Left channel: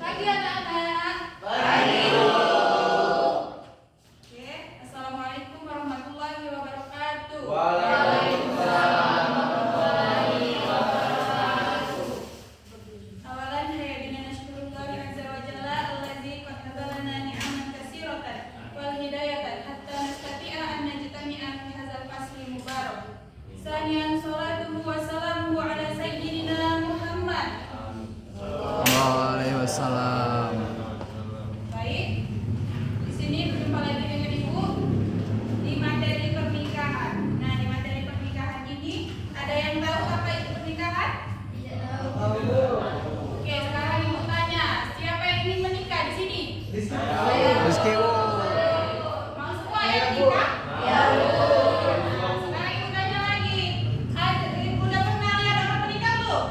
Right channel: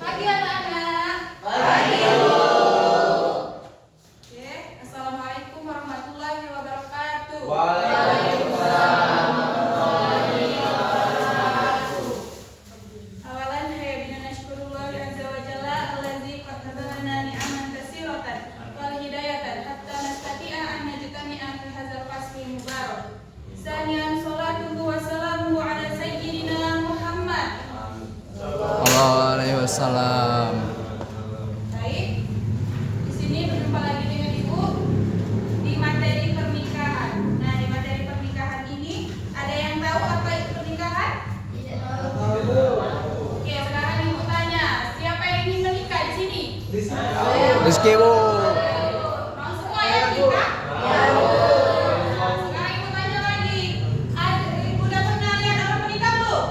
Pagi anak-anak. Pagi. Oke, Assalamualaikum warahmatullahi wabarakatuh. Waalaikumsalam warahmatullahi wabarakatuh. Awalan hayya bina nashkurullah azza wa jalla allazi qad hadana ni'aman katsiratan wal hidayatan hatta nastati'a an najtami'a fi hadzal fasli mubarak. Saniyan salatuhu wa salamuhu ala sayyidina Muhammad. Waalaikumsalam. Baik, di sini berjumpa lagi dengan Ibu di materi pernikahan. Nah, di materi pernikahan ini ada yang tahu apa itu pernikahan? Tidak tahu. Oke, sekarang Ibu tanya, siapa yang ingin menikah di sini? Rizky Bu. Mau semua yang menikah? Ya. Sekarang Ibu tanya lagi, Ibu udah pernah lihat orang menikah belum?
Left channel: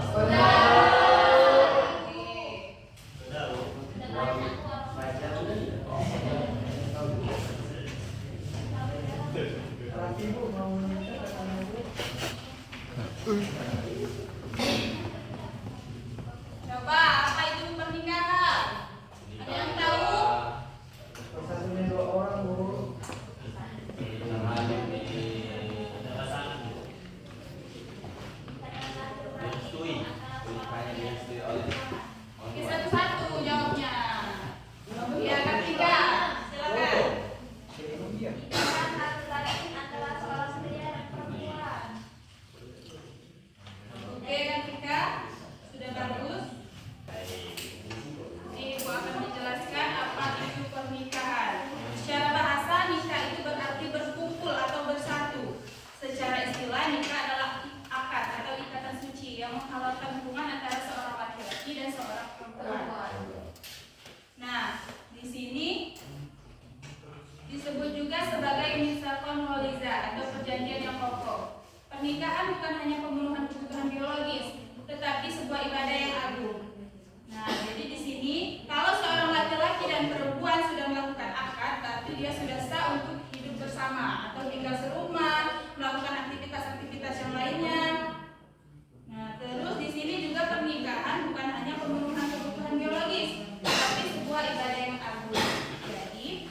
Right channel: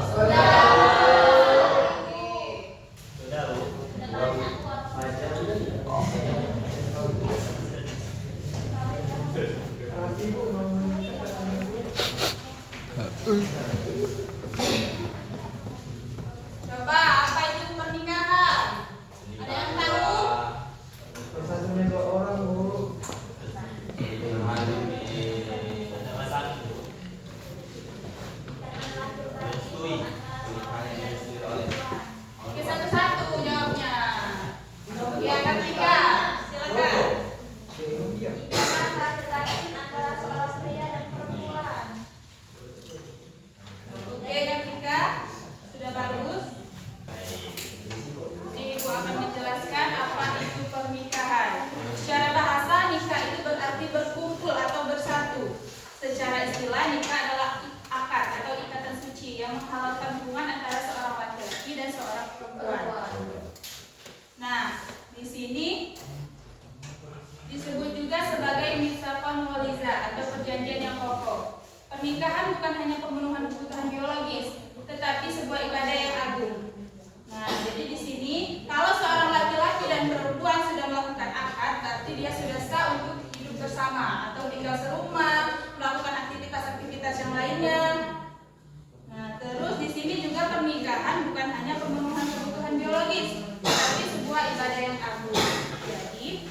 Coba apa itu pernikahan? Ada yang tahu? Oke, satu-satu jawabnya. Ya, ketiga. Silakan. Oke, ketiga. Sudah bagus. Ini Ibu akan menjelaskan apa itu pernikahan. Secara bahasa, nikah itu berarti berkumpul atau bersatu. Secara istilah, nikah adalah akad atau ikatan suci yang menghalalkan hubungan antara seorang laki-laki dan seorang perempuan. Nah, di sini disebut juga sebagai misafon waliza atau perjanjian yang kokoh. Pernikahan bukan hanya pemenuhan kebutuhan biologis, tetapi sebuah ibadah yang agung. Nah, jadi di sini kalau seorang laki-laki dan perempuan sudah melakukan akad, berarti dia sudah sah untuk hidup bersama atau tinggal serumah, melakukan aktivitas-aktivitas yang lainnya. Nah, terus di sini juga pernikahan bukan hanya pemenuhan kebutuhan biologis, tetapi sebuah ibadah yang agung. Jadi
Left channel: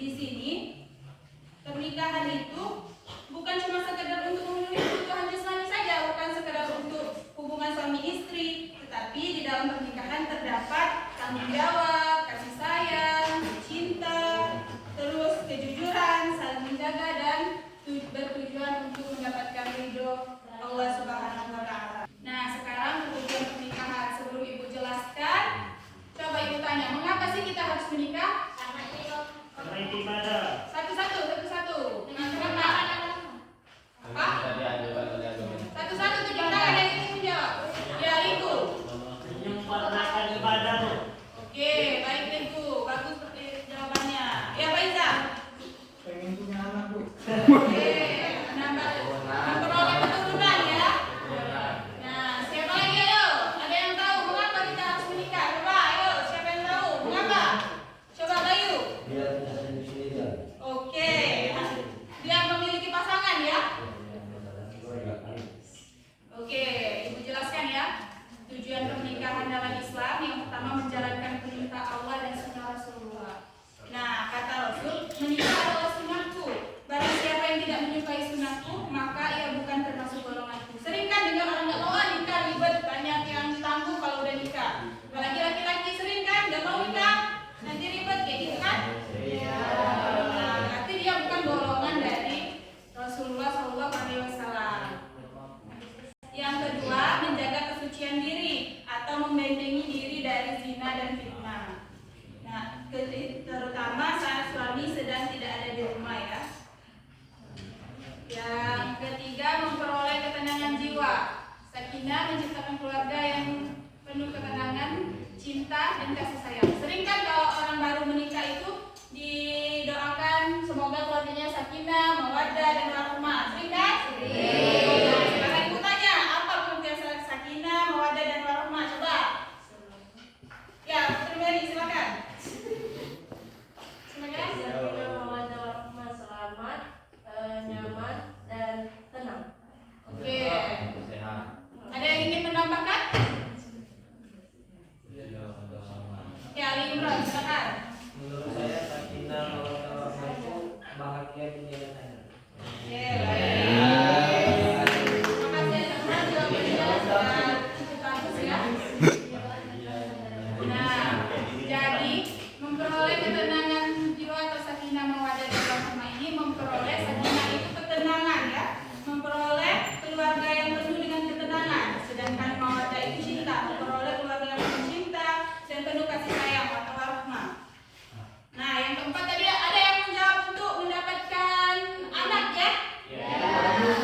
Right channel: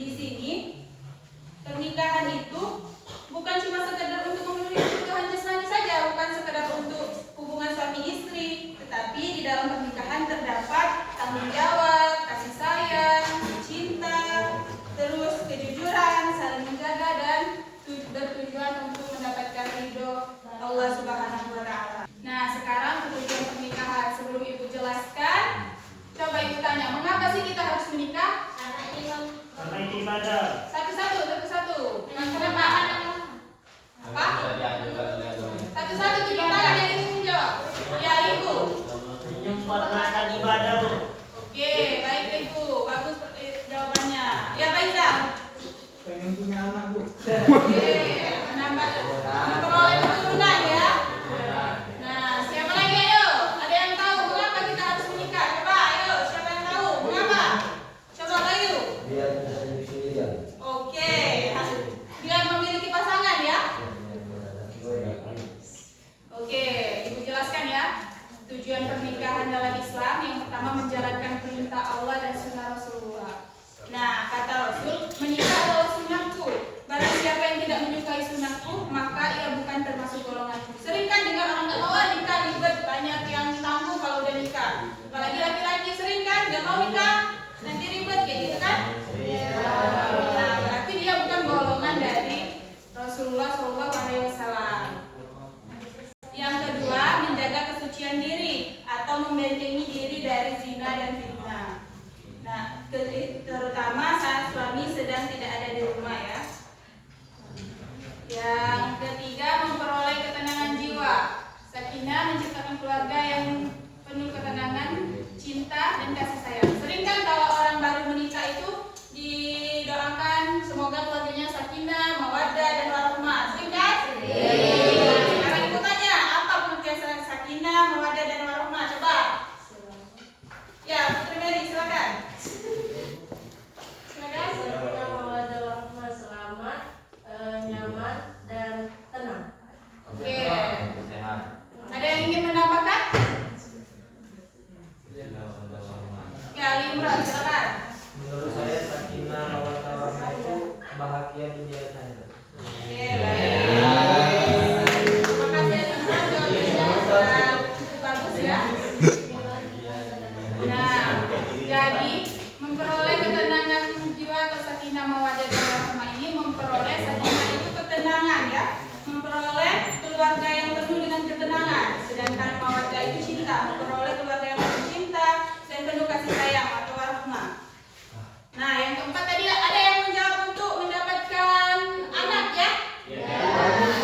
di sini pernikahan itu bukan cuma sekedar untuk memenuhi kebutuhan jasmani saja, bukan sekedar untuk hubungan suami istri, tetapi di dalam pernikahan terdapat tanggung jawab, kasih sayang, cinta, terus kejujuran, saling menjaga dan bertujuan untuk mendapatkan ridho Allah Subhanahu wa taala. Nah, sekarang tujuan pernikahan. Sebelum Ibu jelaskan, coba Ibu tanya, mengapa sih kita harus menikah? Karena itu ibadah. Satu-satu. Kenapa? Apa? Satu-satu tunjuk tangan yang ingin menjawab. Ya, Ibu. Menyempurnakan ibadah tuh. Oke, baik Ibu. Bagus jawabannya. Ya, Pak Izal. Pengen punya anak, Bu. Oke, memperoleh keturunan ya. Nah, siapa lagi ayo? Ada yang tahu mengapa kita harus menikah? Coba ayo, siapa yang tahu? Mengapa? Coba kayu. Biar bisa hidup sendirian. Oke, biar memiliki pasangan ya. Oke, Ibu jelaskan ya. Tujuan pernikahan dalam Islam yang pertama menjalankan perintah Allah dan sunnah Rasulullah. Nah, kata Rasul, menikah adalah sunnahku. Barang siapa yang tidak menyukai sunnahku, maka ia bukan termasuk golonganku. Sering kan dengar orang nggak mau nikah ribet, banyak yang tangguh kalau udah nikah. Apalagi laki-laki sering kan nggak mau nikah, nanti ribet kayak gitu kan? Ya. Nah, berarti dia bukan golongan dari Rasulullah SAW. Yang kedua, menjaga kesucian diri atau membentengi diri dari zina dan fitnah. Nah, terutama saat suami sedang tidak ada di rumah ya. Yang ketiga, memperoleh ketenangan jiwa. Sakinah menciptakan keluarga yang penuh ketenangan, cinta dan kasih sayang. Sering kan kalau orang baru menikah itu didoakan semoga keluarganya sakinah, mawaddah dan warahmah. Sering kan? Nah, sekarang Ibu tanya, apa pengertian sakinah, mawaddah dan warahmah? Coba. Ya, Putri Mary silakan. Selamat, nyaman dan tenang. Oke. Ada yang ingin menambahkan? Imran, silakan. Menurut saya sakinah mawaddah warahmah itu bahagia dunia dan akhirat. Oke, baik. Terima kasih Imran, jawabannya sudah cukup bagus ya. Nah, jadi memperoleh ketenangan jiwa atau sakinah mawaddah warahmah ini memperoleh sakinah itu ketenangan ya, memperoleh keluarga yang penuh dengan ketenangan. Sedangkan mawaddah itu cinta, memperoleh keluarga yang penuh cinta dan penuh kasih sayang atau warahmah. Nah, yang keempat tadi ada yang menjawab untuk mendapatkan anak ya?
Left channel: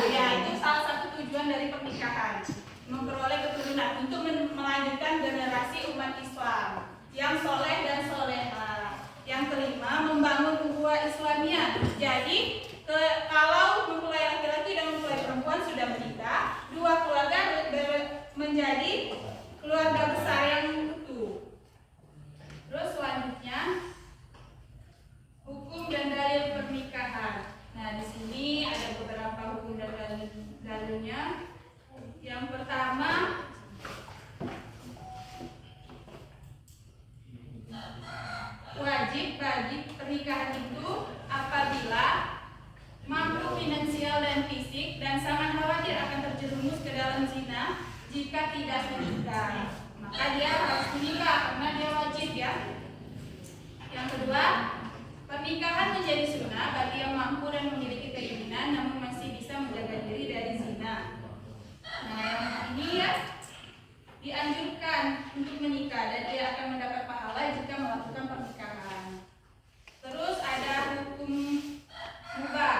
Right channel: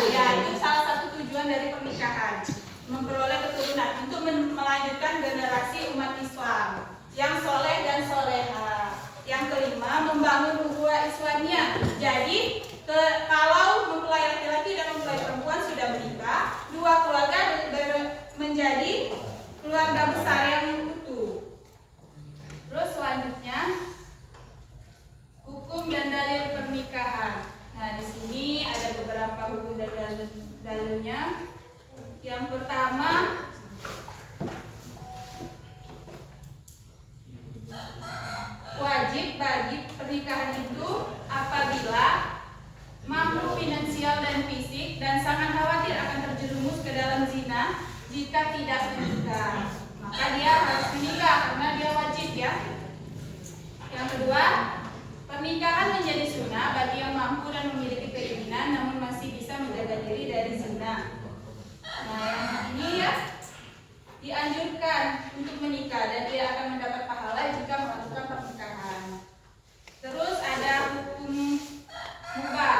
Ya, itu salah satu tujuan dari pernikahan, memperoleh keturunan untuk melanjutkan generasi umat Islam yang soleh dan soleha. Yang kelima, membangun ukhuwah Islamiyah. Jadi, kalau mempelai laki-laki dan mempelai perempuan sudah menikah, dua keluarga menjadi keluarga besar yang utuh. Terus selanjutnya, hukum dan dalil pernikahan. Nah, di sini ada beberapa hukum dan dalilnya. Yang pertama, wajib bagi pernikahan itu apabila mampu finansial dan fisik dan sangat khawatir akan terjerumus ke dalam zina jika tidak menikah, maka dia harus menikah karena dia wajib ya. Yang kedua, pernikahan menjadi sunnah bagi yang mampu dan memiliki keinginan namun masih bisa menjaga diri dari zina. Nah, yang ini ya dianjurkan untuk menikah dan dia akan mendapat pahala jika melakukan pernikahan. Terus ada hukum mubah.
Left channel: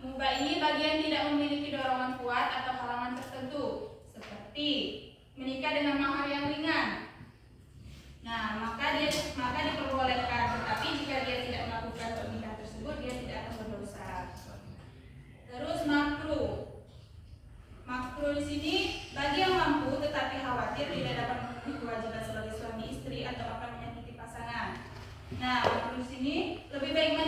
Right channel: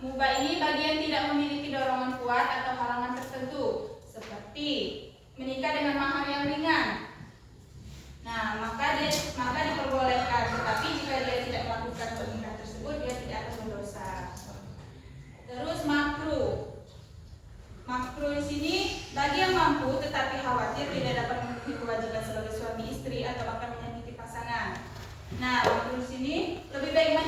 Mubah ini bagi yang tidak memiliki dorongan kuat atau halangan tertentu, seperti menikah dengan mahar yang ringan. Nah, maka diperbolehkan, tetapi jika dia tidak melakukan pernikahan tersebut, dia tidak akan berdosa. Terus makruh. Makruh di sini bagi yang mampu tetapi khawatir tidak dapat memenuhi kewajiban sebagai suami istri atau akan menyakiti pasangan. Nah, makruh di sini lebih baik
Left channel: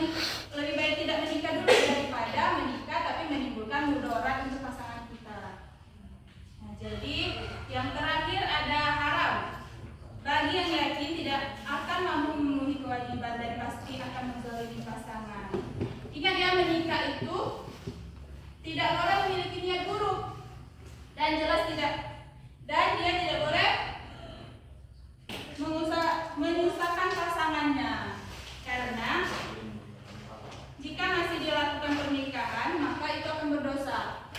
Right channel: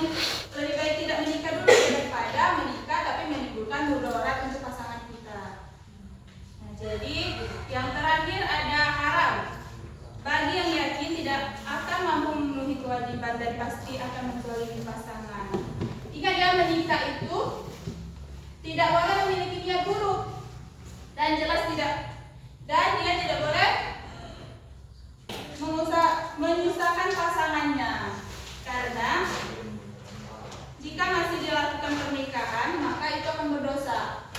tidak menikah dulu daripada menikah tapi menimbulkan mudarat untuk pasangan kita. Nah, jadi yang terakhir ada haram. Bagi yang yakin tidak akan mampu memenuhi kewajiban dan pasti akan menzalimi pasangan. Jika dia menikah itu tidak boleh memiliki niat buruk dan jelas tidak, dan dia tidak boleh menyusahkan pasangannya, karena jika masih dilakukan pernikahan maka itu akan berdosa.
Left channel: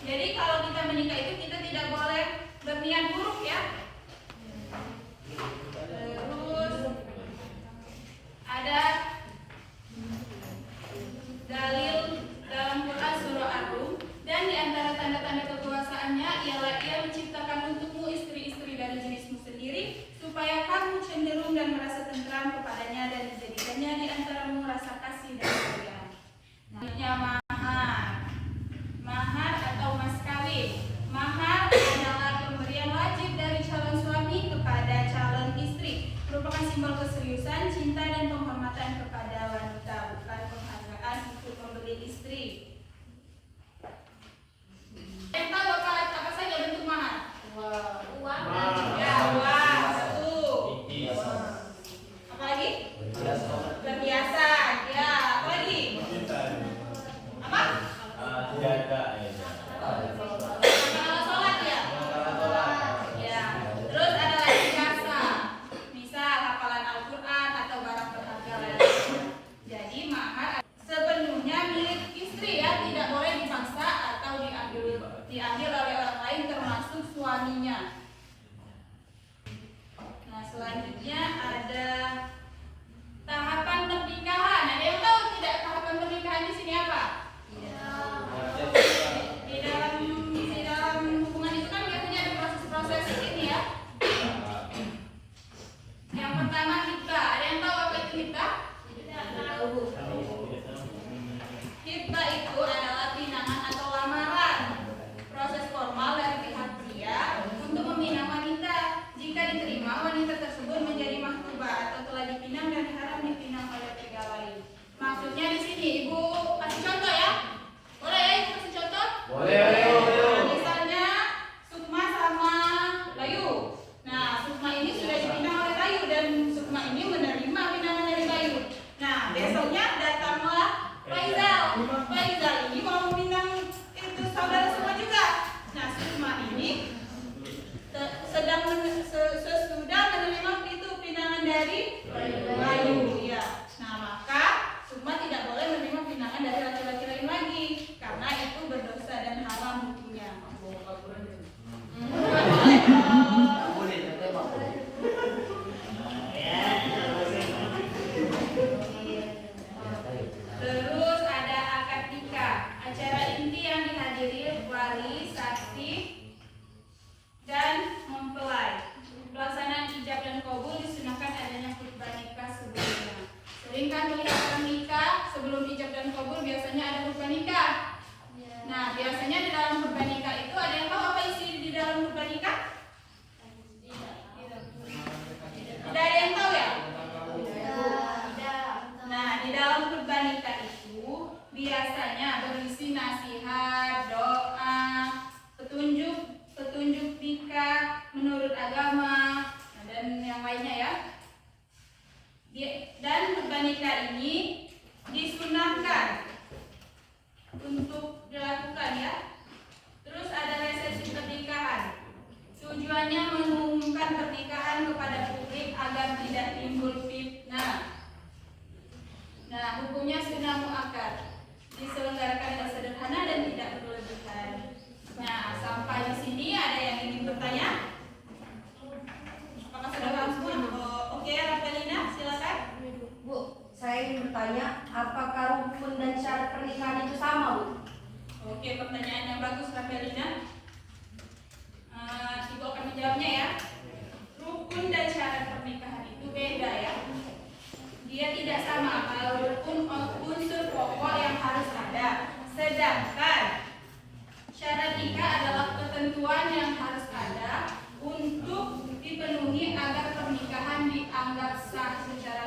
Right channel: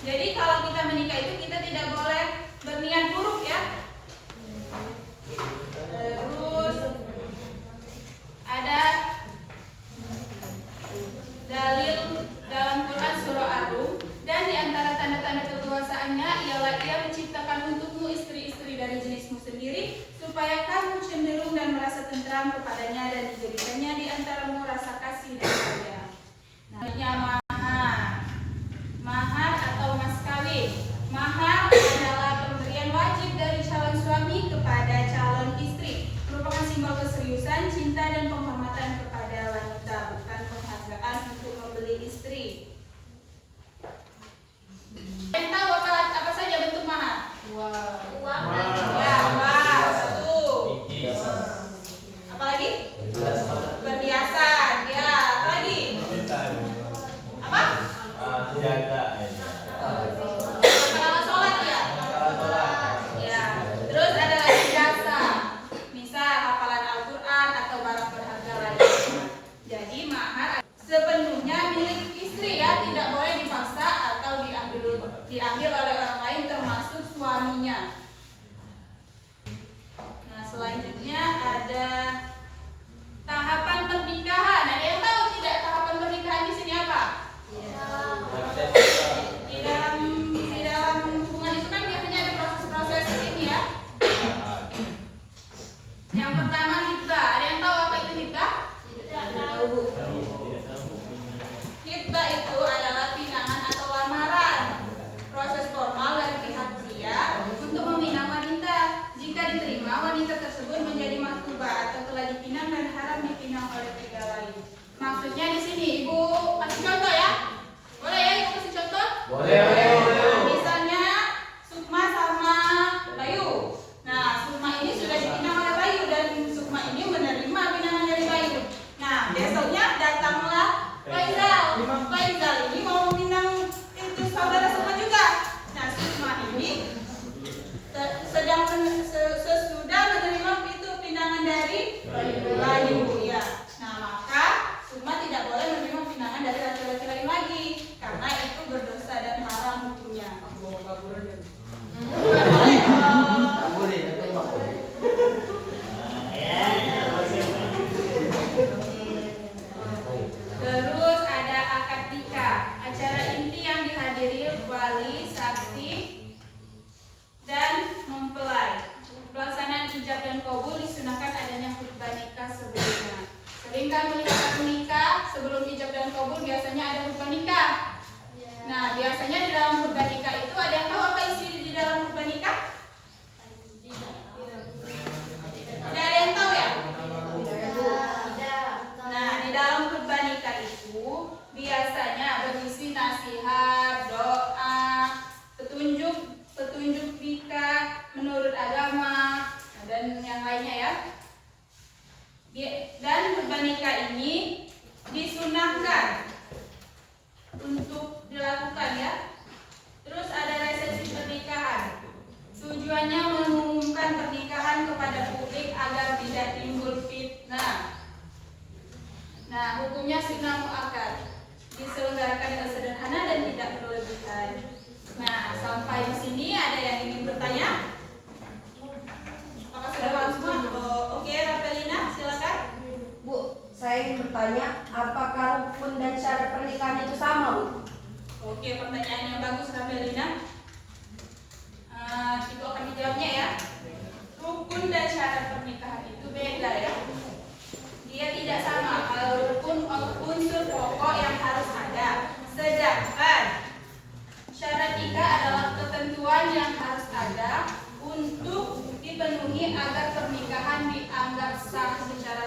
Jadi kalau kita menikah itu kita tidak boleh berniat buruk ya. Terus ada dalil dalam Quran surah Ar-Rum, dan di antara tanda-tanda kekuasaannya ialah ia menciptakan untukmu istri-istri dari jenismu sendiri supaya kamu cenderung dan merasa tentram kepadanya dan dijadikannya di antaramu rasa kasih dan sayang. Nah, mahar atau mas kawin. Mahar adalah pemberian wajib dari calon suami kepada calon istri, merupakan simbol keseriusan, cinta dan penghormatan kepada wanita, bukan penghargaan untuk membeli istri. Yang tahu apa saja bentuk mahar? Uang. Ya, uang. Satu. Apa lagi? Perhiasan. Ya, apa lagi? Apa? Makanan sholat ya? Ya. Terus ada lagi jasa, misal hafalan Al-Quran atau barang berharga lainnya. Jadi mahar sepenuhnya milik istri ya, tidak boleh dipaksa atau diambil oleh orang lain termasuk suaminya. Nah, selanjutnya ada tahapan pernikahan. Ada yang tahu tidak tahapan pernikahan di sini apa? Di dalam hubungan itu kan biasanya ada proses-proses ini ya. Yang pertama hibah. Ada yang tahu apa itu hibah? Hibah itu adalah pinangan atau lamaran, proses formal dari pihak pria untuk meminang wanita. Jika diterima, wanita tersebut menjadi maktubah atau kan melihat nikah sebelum ijab dan kabul biasanya ada khutbah nikah. Nah, biasanya di dalam khutbah nikah itu ada yang tahu apa isi di dalam khutbah nikah? Tidak ada yang tahu ya? Nah, di dalam khutbah nikah itu biasanya berisi nasihat, doa, petunjuk nikah menurut agama, dan yang lainnya ya. Dan khutbah nikah ini disunahkan untuk dilakukan ya. Terus ada resepsi pernikahan. Tujuannya mengumumkan pernikahan kepada publik agar tidak timbul fitnah. Nah, hukumnya sunnah muakkad, diselenggarakan dengan sederhana dan tidak berlebihan. Nah, sampai di sini ada yang ingin bertanya? Apakah sudah paham semua? Oh, oke, Rafelina, silakan. Bu, saya ingin bertanya, apakah rukun dan syarat pernikahan itu sama, Bu? Oke, pertanyaan yang bagus, Rafelina. Ibu akan menjawabnya ya. Rukun dan syarat pernikahan itu beda ya. Dia tidak sama. Kalau rukun unsur pokok yang harus ada, sedangkan syarat nikah adalah ketentuan yang harus ada untuk dipenuhi agar pernikahan dianggap sah secara